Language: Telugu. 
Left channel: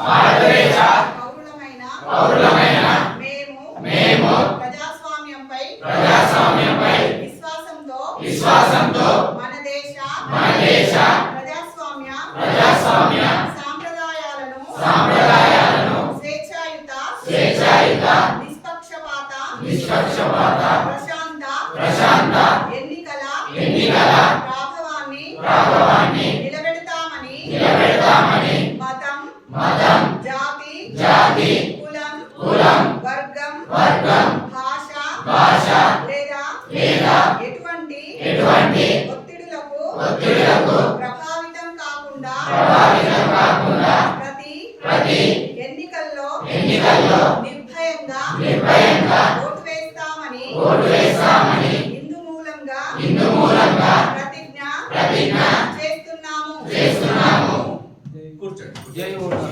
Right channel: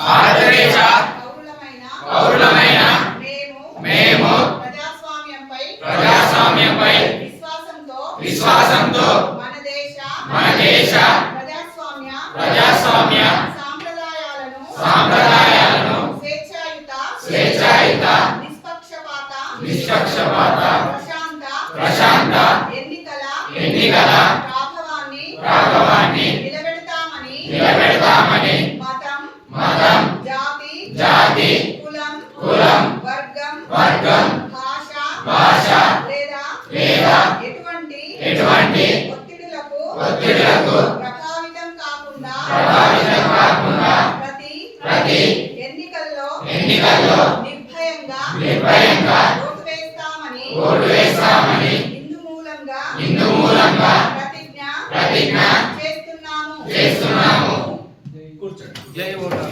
భారతదేశ పౌరులమైన మేము ప్రజాస్వామ్యంపై విశ్వాసంతో మన దేశ ప్రజాస్వామ్య సాంప్రదాయాలను స్వేచ్ఛాయుత నిష్పక్షపాత ప్రశాంత ఎన్నికల ప్రాభవాన్ని నిలబెడతామని మతం జాతి కులం వర్గం భాష లేదా ఎటువంటి ఒత్తిడులకు ప్రభావితం కాకుండా ప్రతి ఎన్నికల్లో నిర్భయంగా ఓటు వేస్తామని ఇందు మూలంగా ప్రతిజ్ఞ చేస్తున్నాము. కూర్చోండి. జై ఓటు.